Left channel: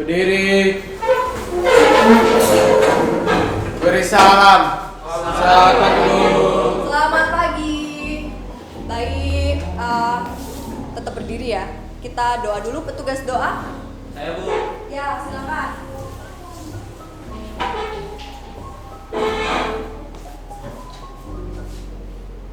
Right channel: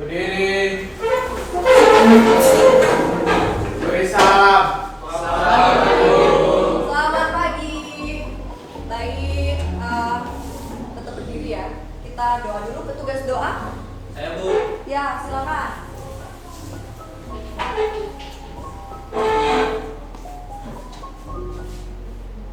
Berdiri. Beri salam. Selamat pagi. Baik, tetap berdiri ya. Kita doa dulu, petugas doa. Saya Bu. Ya, silakan.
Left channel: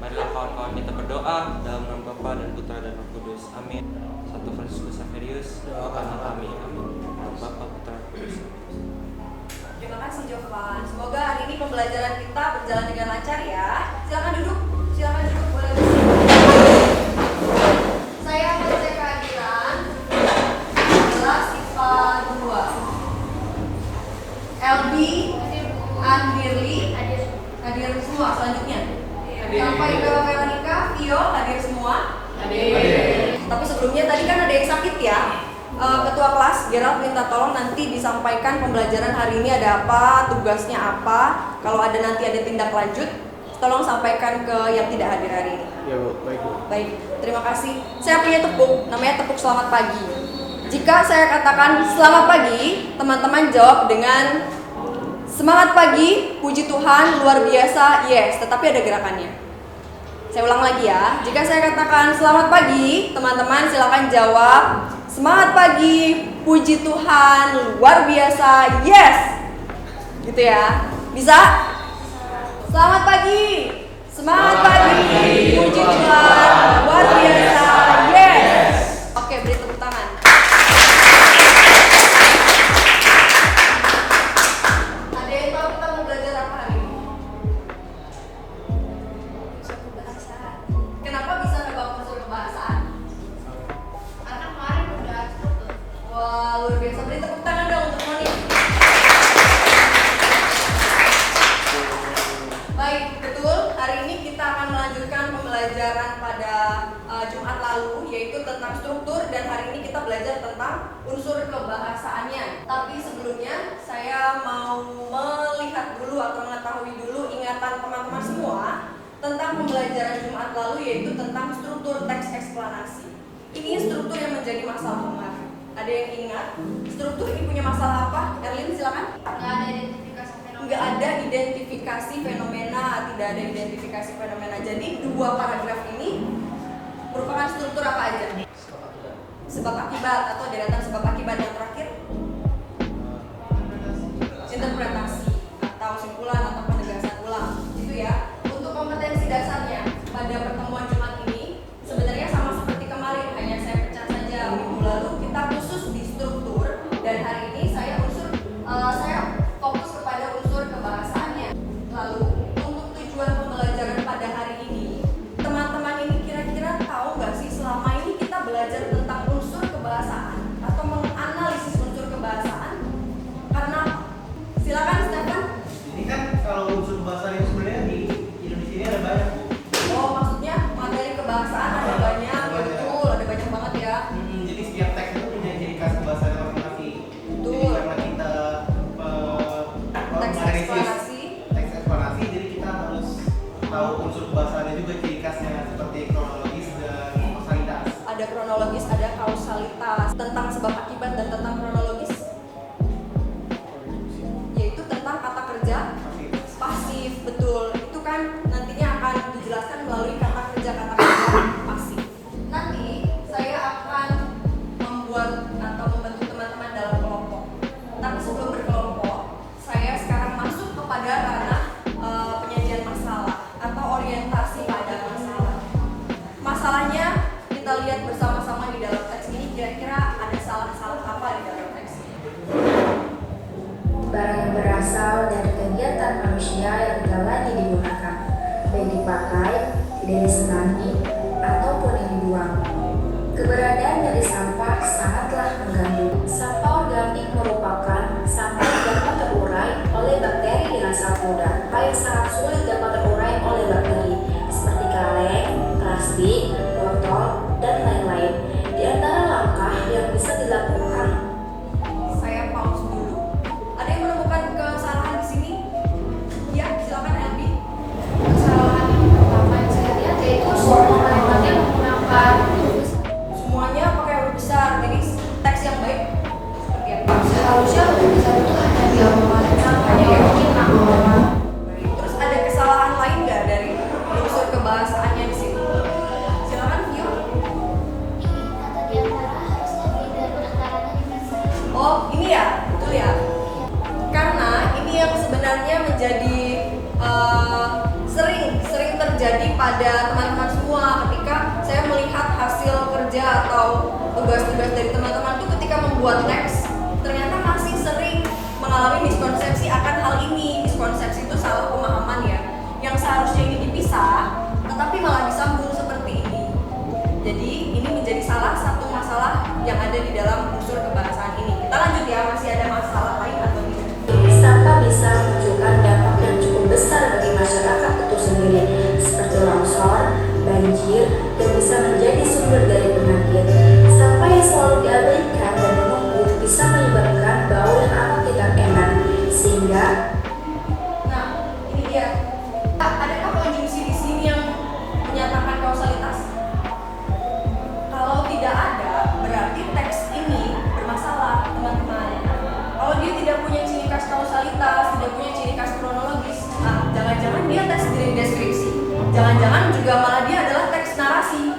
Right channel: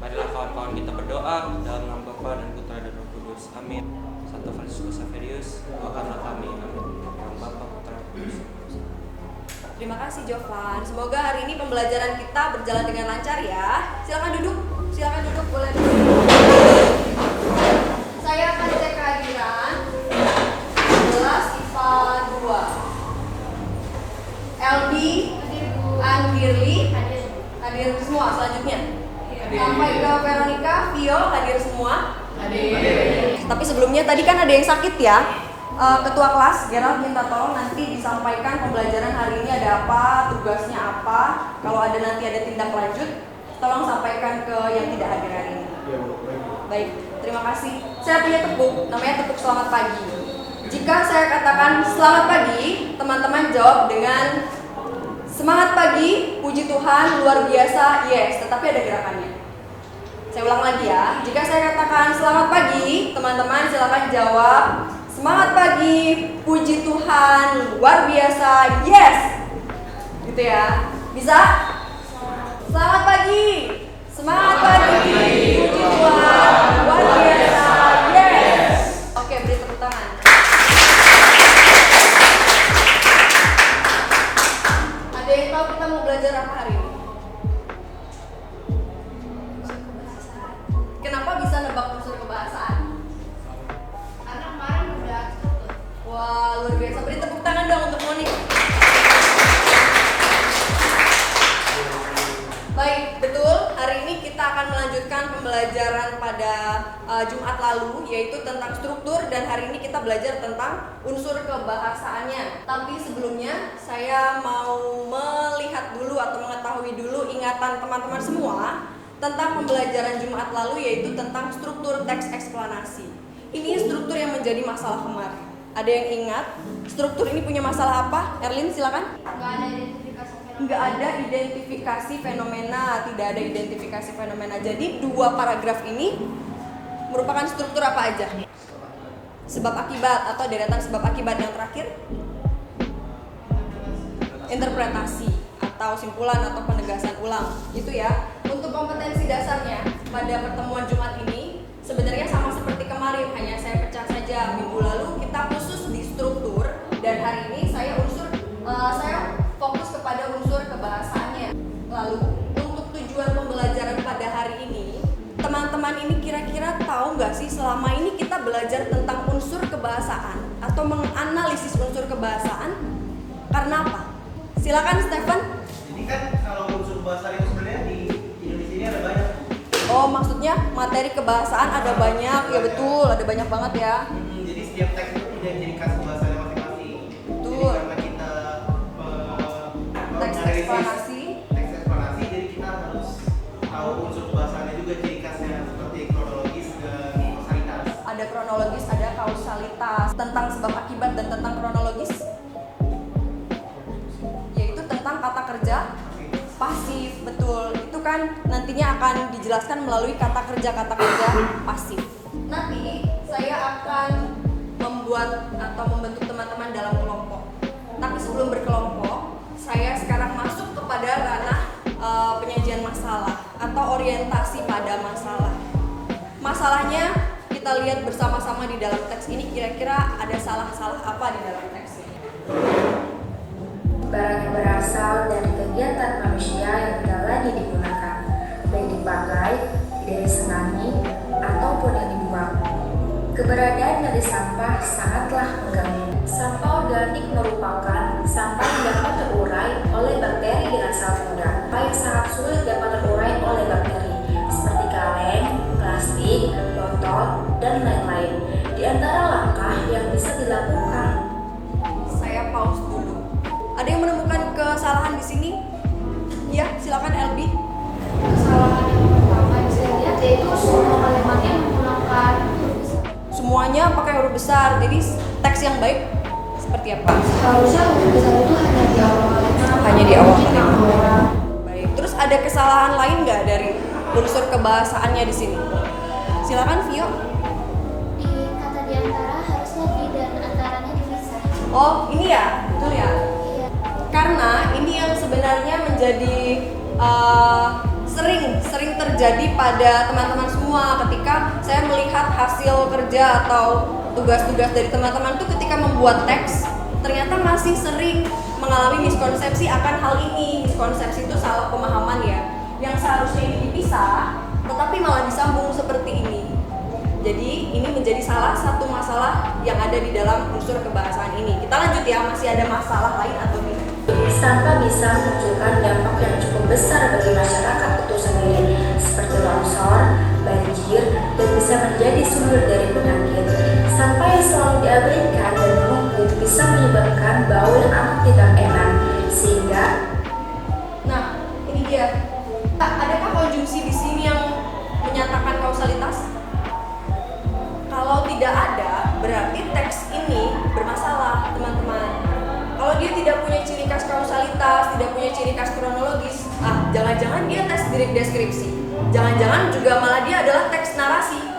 Marilah kawan-kawan kita berdoa dalam nama Bapa dan Putra dan Roh Kudus. Amin. Santo Franciscus Xaverius, doakanlah kami. Amin. Dalam Bapa, Putra, dan Kudus. Terima kasih Jovan. Semoga hari ini pembelajaran kita berjalan dengan lancar ya. Silakan duduk. Boleh berdiri. Saya akan cek kehadiran kelas IPA 2. Elbi, Andirli, hadir semua selanjutnya. Sampai ke Veronica, Vio hadir semua. Tapi sebelumnya tadi kan ada yang sakit ya. Ketua kelas, Gerald minta tolong nanti disampaikan pembelajaran hari ini ada apa, tugasnya apa. Kalau ada nanti ada tindak lanjut, tolong sampaikan ke yang tidak hadir hari ini. Ya Bu, baik Bu. Baik, terima kasih. Saya punya tepuk, namanya tepuk selamat pagi. Jika saya katakan selamat pagi, teman-teman jawab dengan semangat pagi, puji Tuhan, luar biasa, yes, tetapi ada gerakannya. Saya ulang lagi ya. Jika saya katakan selamat pagi, teman-teman silakan jawab semangat pagi, puji Tuhan, luar biasa, yes. Gitu ya. Bisa? Selamat pagi. Semangat pagi, puji Tuhan, luar biasa, yes. Oke, beri tepuk tangan. Ada yang tahu kita mau belajar apa hari ini? Kenapa bisa nebak unsur kebahasaan? Karena kemarin udah struktur. Wah, luar biasa. Beri tepuk tangan dong untuk Moni. Baik, betul. Hari ini kita akan melanjutkan pembelajaran pada Jumat lalu, yaitu tentang struktur, dan hari ini kita belajar tentang unsur kebahasaannya. Tapi sebelumnya, saya mau melihat dulu atau mengetahui dulu ingatan teman-teman semua tentang pembelajaran Jumat lalu, yaitu tentang struktur teks eksplanasi. Ini struktur yang menjadi masalah kemarin. Ada yang ingat struktur ini punya masalah apa? Erlin silakan. Nggak ada identifikasi fenomena. Nggak ada identifikasi fenomena, tidak ada identifikasi fenomena. Jadi dua paragraf ini merupakan struktur apa aja? Sebab akibat atau deretan sebab akibat. Yang terakhir interpretasi atau simpulan atau penegasan ulang. Itu ya. Untuk kompetensi dasarnya pada pertemuan Jumat ini sebenarnya sama seperti kemarin, hanya saya pecah saja. Minggu lalu kita khusus di struktur, dan hari ini saya fokus kepada unsur kebahasaannya. Lalu untuk tujuan pembelajaran pada hari ini, teman-teman ini kira-kira tahu nggak sih selama ini kita belajar tentang unsur kebahasaan atau menganalisis unsur kebahasaan karena apa? Silakan Stephen. Ini kan kalau unsur bahasa itu sebenarnya di Indonesia ini ada banyak Bu. Oh, maksudnya materi kebahasaan ada banyak, ya betul, ada banyak banget ya. Jadi setiap teks itu punya ciri khas bahasanya masing-masing. Betul. Jadi karena kita Teks menganalisis eksplanasi. teks eksplanasi, jadi kita harus tahu unsur bahasannya juga ciri khasnya seperti kronologis dan kausalitas. Ada kronologis, ada kausalitas, tentang sebab akibat dan tentang kronologis, yaitu tentang kata kerja pasif, betul. Itu kan nantinya akan dijelaskan melalui kata kerja pasif. Nanti saya akan membuat atau membentuk teman-teman dalam kelompok. Tapi sebelum berkelompok, saya sekarang masuk kepada ranah penyajian masalah atau orientasi pada masalah. Masalahnya kita lihat bersama-sama di dalam teks ini, kira-kira ada salah-salah apa di dalam teks ini. Barang yang berasal dari kegiatan manusia yang jalani digunakan, baik dipakai, tidak disenangi, ataupun yang dibuang. Keberadaan dari sampah sangatlah mengganggu. Sampah organik merupakan sampah yang dapat terurai oleh bakteri dengan sangat mudah, yang sangat sulit dapat terurai oleh bakteri, seperti kaleng, plastik, botol, dan lain-lain. Di antara langkah yang bisa dilakukan, Saya pause dulu. Ada yang menemukan kesalahan di sini? Ya, silakan Elbi. Kesalahan yang pertama yang saya lihat yaitu semua kalimatnya menggunakan Semuanya pakai huruf besar. Jadi teks yang baik penjelasannya di sini. Silakan Vio. Di kata di antara harusnya di dan antaranya dipisah. Oh, ini ya, betul ya. Karena ini yang sebenarnya menjadi sering terjadi pada teman-teman semua ketika saya melihat hasil kerja atau tugas-tugas dari teman-teman tuh ketika membuat teks ternyata masih sering mengalami miskonsepsi akan hal ini. Miskonsepsi itu salah pemahaman ya, yang seharusnya ini dipisah tetapi malah disambung seperti ini. Jadi ini menjadi salah satu masalah yang ada di dalam unsur kebahasaan ini. Kita lanjut ya, masih ada masalah lain atau tidak? Sampah bisa menunjukkan dampak yang cukup besar bagi masyarakat itu sendiri, seperti longsor, banjir, dan bisa menjadi sumber dari penyakit. Sampah yang selalu diabaikan dan menumpuk bisa menyebabkan bau yang amat tidak enak, sehingga Nah, ini dia. Adakah konjungsi di sini yang menyatakan kausalitas? Kalau tidak ada, berarti teks ini bermasalah, teman-teman. Kalau dia tidak punya ciri khas kausalitas, tidak punya ciri khas kronologis, jangan-jangan dia teks deskripsi. Jangan-jangan juga malah dia adalah teks narasi.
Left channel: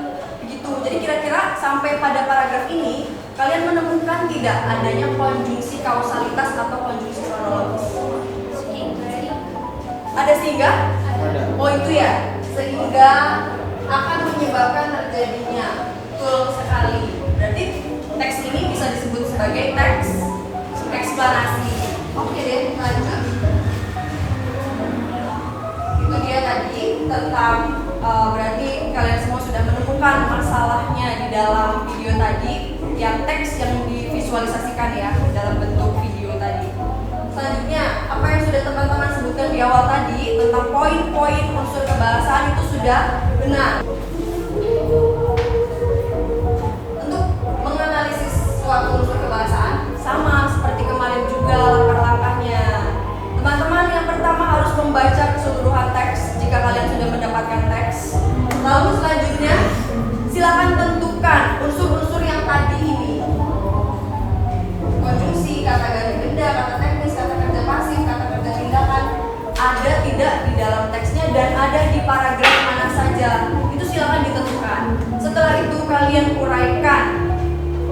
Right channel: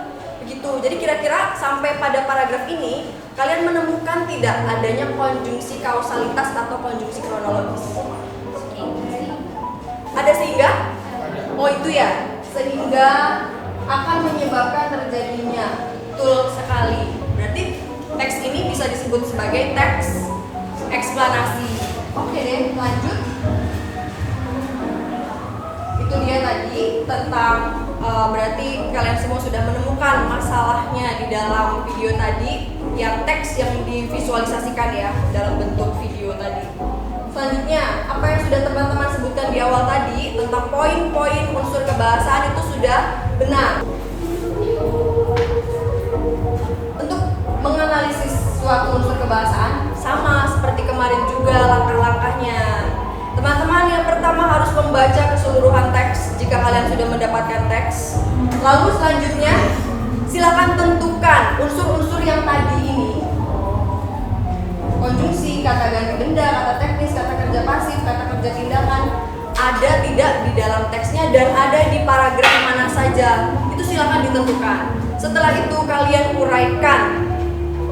Begitu. Jadi kira-kira sampai pada paragraf ini, kalian menemukan tidak adanya konjungsi kausalitas atau konjungsi kronologis? Ada sehingga? Oh itu ya, sehingga akan menyebabkan terjadinya. Betul sekali. Berarti teks ini bisa disebut sebagai teks eksplanasi. Oke deh, lanjut. Itu dia tadi tentang berarti kalian semua sudah menemukan masalahnya di dalam video tadi, yang teks yang divisualisasikan ya dalam bentuk video tadi. Selanjutnya, apa yang sudah teman-teman sebutkan di awal tadi tentang poin-poin unsur kebahasaan itu sudah benar. Untuk menganalisis suatu unsur kebahasaan sama seperti kemarin juga langkah-langkahnya. Teman-teman yang pertama harus membaca keseluruhan teks jika kalian sudah mendapatkan teks. Lalu selanjutnya, silakan tentukan unsur-unsur yang tadi ini. Konjungsi, kata ganti benda, kata teknis, kata kerja pasif, kata kerja tindakan ada tidak di dalam teksnya dan ada di paragraf mana saja. Itu silakan ditentukan. Setelah itu kalian uraikan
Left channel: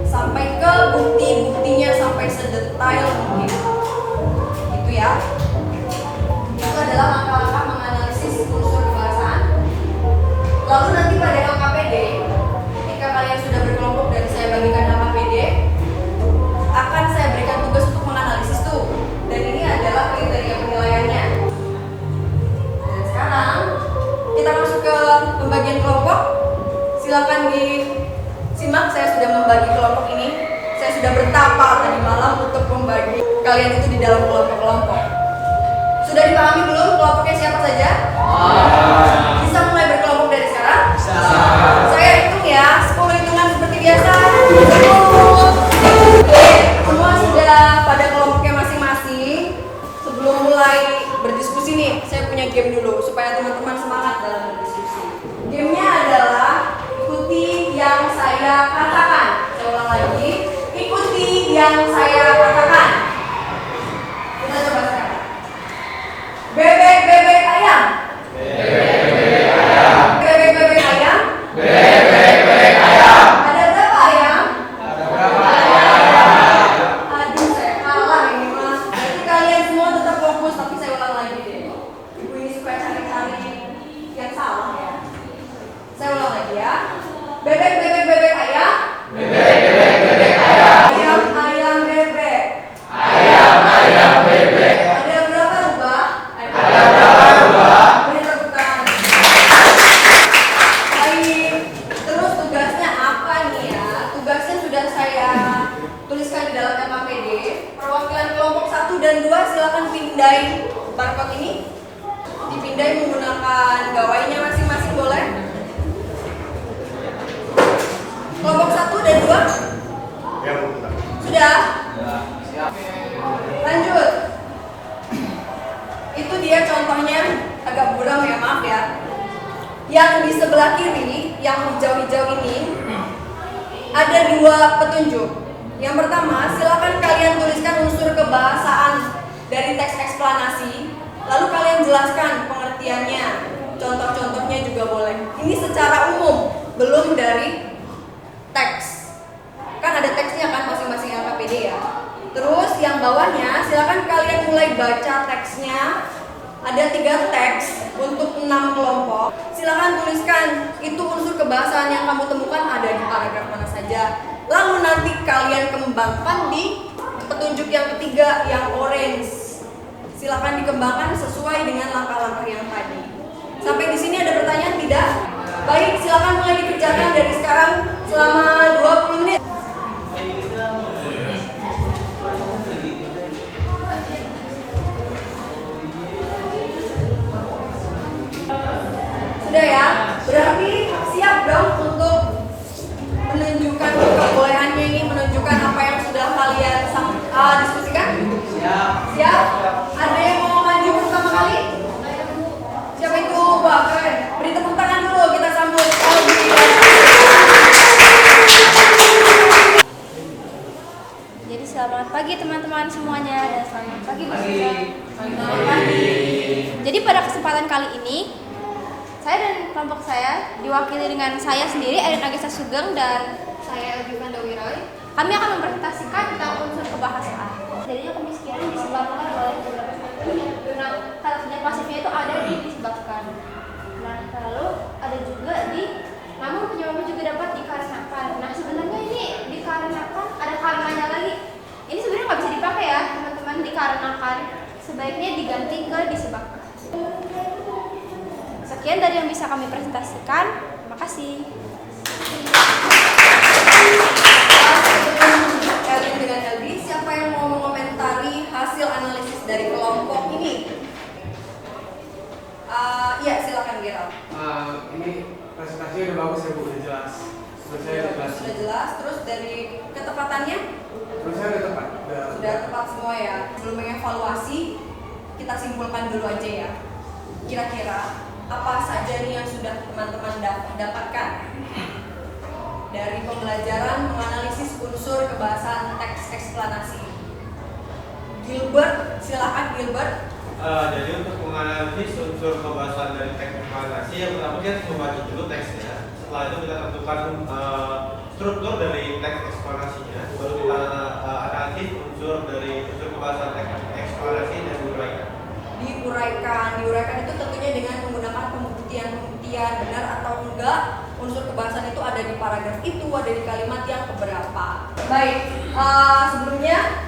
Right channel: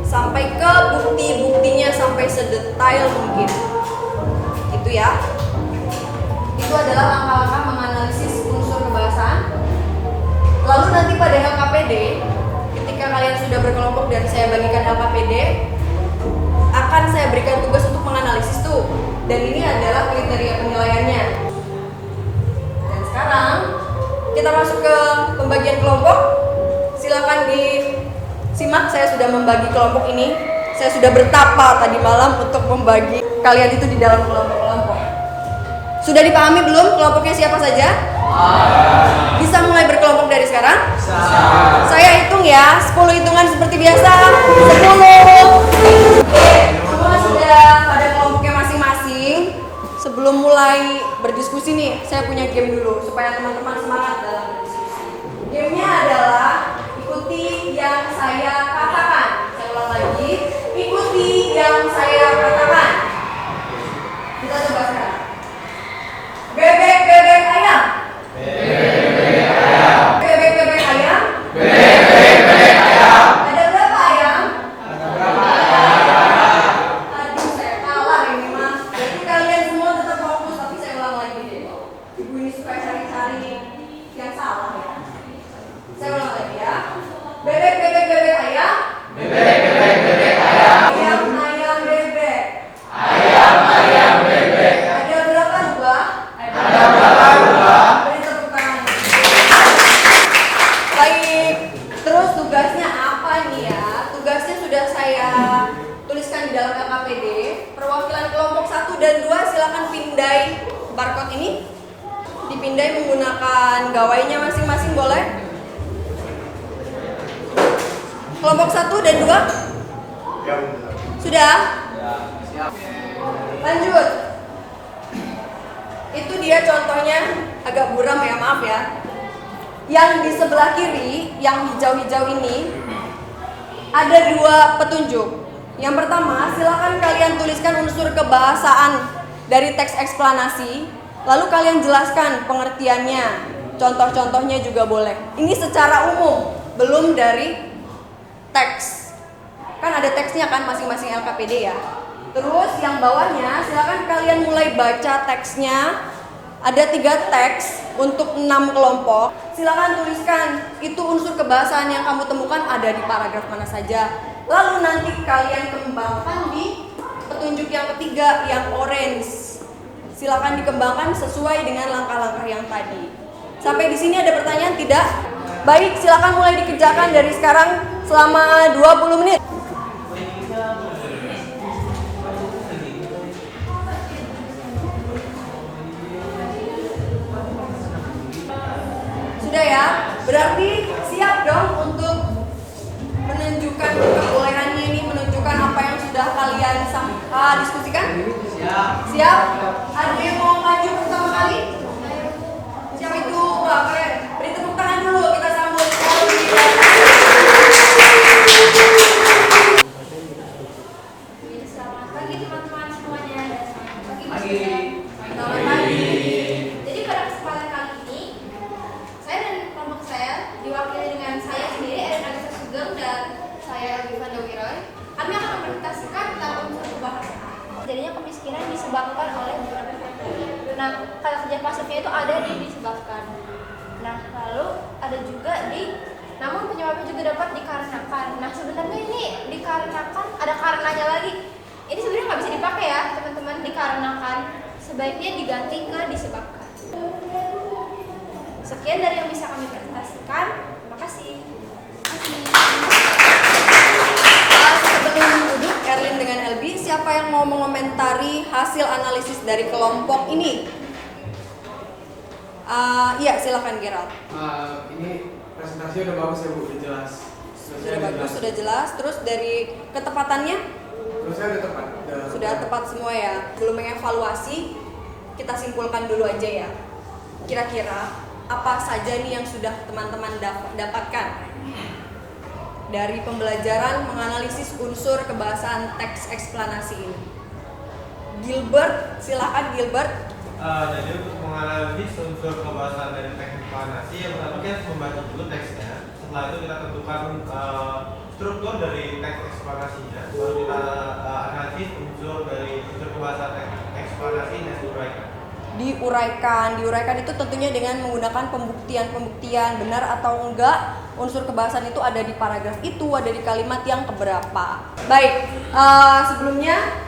sampai ke bukti-buktinya sampai sedetail mungkin. Gitu ya. Itu adalah langkah-langkah menganalisis unsur kebahasaan. Lalu nanti pada LKPD, ketika kalian sudah berkelompok dan saya bagikan LKPD, akan saya berikan tugas untuk menganalisis tuh. Dan ini adalah kriteria penilaiannya. Dan sekarang kita masuk ke pembagian kelompok. Silakan disimak, saya sudah membagi kelompok ini. Saya sudah bertapa tadi malam untuk membagi kalian itu di dalam kelompok-kelompok. Sudah dipahami belum kelompoknya siapa saja? Bisa mulai berkelompok dari sekarang? Bisa. Saya hitung ya, 10 hitungan seperti biasa. 10. Oke, semua sudah pada kelompoknya masing-masing. Sebelum mulai berdiskusi nih, saya punya game dulu supaya teman-teman semangat dalam berdiskusi. Gamenya adalah ikuti yang saya katakan. Saya ulang lagi, ikuti yang saya katakan. Kita coba sekarang. Bebek ayam. Bebek ayam. Bebek ayam. Bebek ayam. Ada berapa ayam? Aduh, saya kalah ini mah. Jadi kalian semua tetap fokus, tapi saya ulang lagi deh. Ibu ini supaya cari-cari yang salah ya. Saya ulang lagi ya. Bebek ayam. Bebek ayam. Ayam bebek. Ayam bebek. Ada berapa rubah? Beri tepuk tangan. Baik. Terus tugasnya apa nih ya? Tugasnya sudah saya tuliskan di dalam LKPD. Perwakilan kelompok 1 dan 2 silakan pindai barcode ini. Dipindai menggunakan gawainya masing-masing boleh? Kelompok 1 dan 2? Sudah? Siap. Lanjut. Itu dia contohnya, agak buram ya, maaf ya. Yang di sebelah kiri, yang hijau-hijau ini, ada 2 petunjuk. Yang pertama, silakan kalian tuliskan unsur kebahasaan dari teks eksplanasi, lalu kalian jelaskan pengertiannya. Contoh-contohnya juga boleh. Ini secara umum, belum dari teks. Kan ada teksnya kan masing-masing LKPD ya. Terus yang bawahnya silakan kalian mulai baca teksnya. Ada 3 teks untuk 6 kelompok. Silakan tuliskan itu unsur kebahasaan yang kamu temukan ada di paragraf mana saja. Lalu nanti kalian kembangkan di petunjuk yang ketiga yang orange. Silakan dikembangkan sesuai dengan langkah-langkah yang tadi. Sampai di sini ada pertanyaan tidak? Baik, silakan mulai dikerjakan dari sekarang selama 20 menit. Sudah ya? Berarti siap dong untuk menunjukkan kebolehannya ini, menunjukkan apa yang sudah kalian diskusikan? Siap. Siap? Ada yang mau maju pertama kali? Siapa itu? Wah, keren. Beri tepuk tangan dulu, kita sambut Elvi. Jadi selamat pagi teman-teman semuanya dan selamat pagi Bu Susan. Selamat pagi. Jadi pada kesempatan kali ini saya dan kelompok saya diwakili dengan saya sendiri Erin Agesa Sugeng dan saya Elvi Vandewiroy. Kami akan mempresentasikan tentang unsur kebahasaan. Jadinya kemiskinan disebabkan oleh beberapa faktor. Nah, kata kerja masifnya itu ada di disebabkan. Nah, lalu ada juga di namun penyebabnya juga dapat dikarenakan. Nah, sebenarnya ini dikarenakan ada karenanya lagi. Ini sebenarnya nggak bisa dipakai ya, teman-teman, dikarenakan. Sebaiknya diganti ke disebabkan. Sekian dari yang bisa kami presentasikan. Makasih. Sebelum menuju Erin dengan Elvi, siapa yang mau mengomentari hasil analisis dari kelompok ini? Iya, silakan Gerald. Ini presentasi udah bagus ya Bu, udah jelas. Sudah jelas. Terus dari ketepatannya Presentasi udah tepat. sudah tepat semua ya. Sebelum mengevaluasi, kita simpulkan dulu aja ya. Kira-kira apa saja nih yang sudah teman-teman dapatkan dari pembelajaran menganalisis unsur kebahasaan teks eksplanasi ini? Gilbert, silakan Gilbert. Jadi untuk menganalisis unsur kebahasaan dari teks eksplanasi, yang pertama kita harus membaca dulu teksnya. Setelah itu kita tentukan struktur dari teks eksplanasinya, baru kita analisis unsur dari unsur kebahasaan teks eksplanasi dan Diuraikan itu tentunya dengan menggunakan pembuktian benar atau enggak unsur kebahasan itu ada di paragraf itu, ada di kalimat yang keberapa. Baik, sebelumnya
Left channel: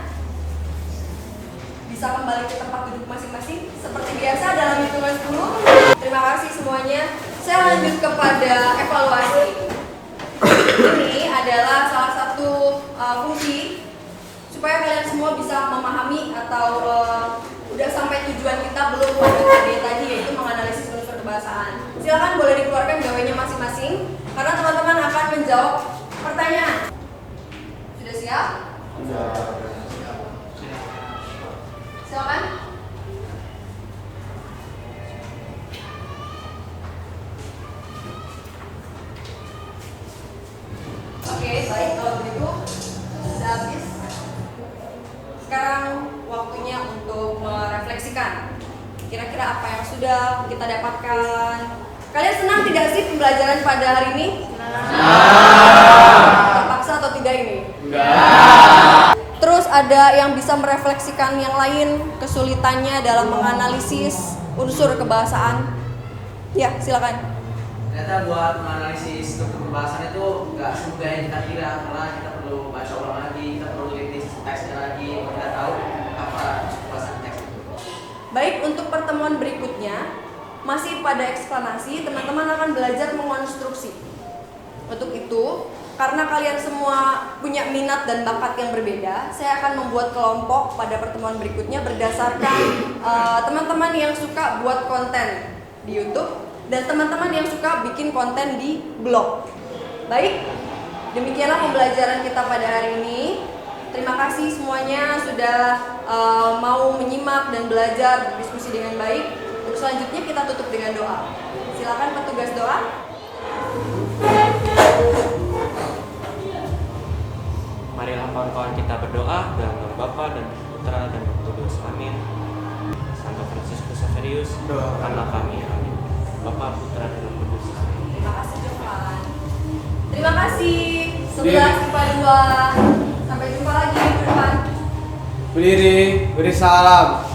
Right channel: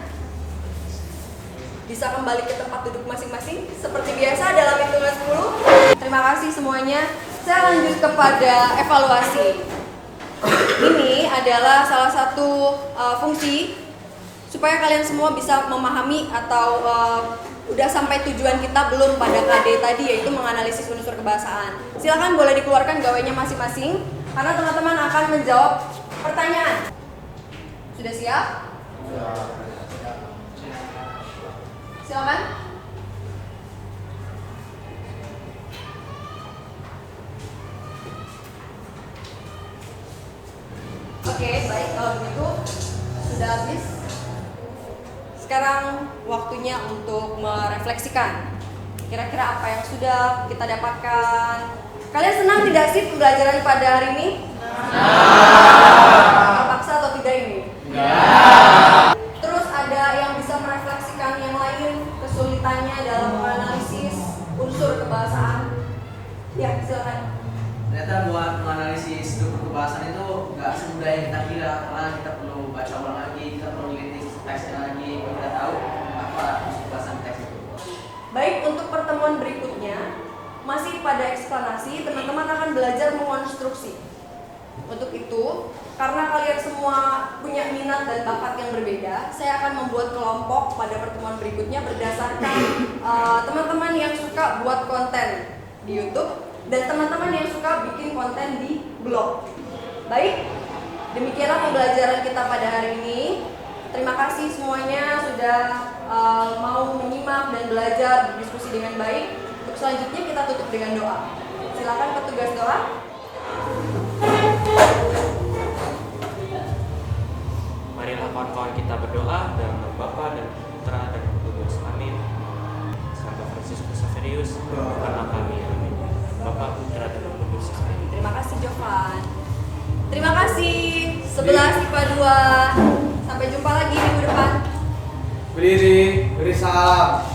bisa kembali ke tempat duduk masing-masing seperti biasa dalam hitungan 10. Terima kasih semuanya. Saya lanjut kepada evaluasi. Ini adalah salah satu fungsi supaya kalian semua bisa memahami atau udah sampai tujuan kita belum pada KD tadi, yaitu menganalisis unsur kebahasaan. Silakan boleh dikeluarkan gawainya masing-masing karena teman-teman akan menjawab pertanyaan. Sudah siap? Silakan. Oke, baik, kalau begitu sudah habis. Sekarang waktunya untuk merefleksikan. Kira-kira apa yang sudah kita dapatkan? Kalian senang tidak sih pembelajaran pada hari ini? Terpaksa atau tidak ini? Terus ada yang bisa merefleksikan yang lain kesulitannya dalam menganalisis unsur kebahasaan? Ya, silakan. Ternyata buat menganalisis struktur kebahasaan itu nggak semudah yang kita kira, karena kita perlu baca ulang lagi, kita perlu teliti teksnya lagi, kita tahu apa kebahasaan teks itu. Baik, untuk pertemuan berikutnya masih pada eksplanasi, teman-teman akan belajar mengonstruksi. Untuk itu, karena kalian semua punya minat dan bakat yang berbeda, saya akan membuat kelompok pada pertemuan berikutnya berdasarkan teman-teman yang suka buat konten di YouTube dan teman-teman yang suka bikin konten di blog. Baik, demikianlah pembelajaran kita pada hari ini. Terima kasih semuanya sudah mau menyimak dan belajar berdiskusi dengan baik. Untuk selanjutnya kita tutup dengan doa. Silakan petugas doa. Marilah kawan-kawan kita berdoa dalam nama Bapa dan Putra dan Roh Kudus. Amin. Santo Fransiskus Xaverius, doakanlah kami. Amin. Bapa 11 IPA 2. Sampai jumpa lagi minggu depan. Berdiri, beri salam.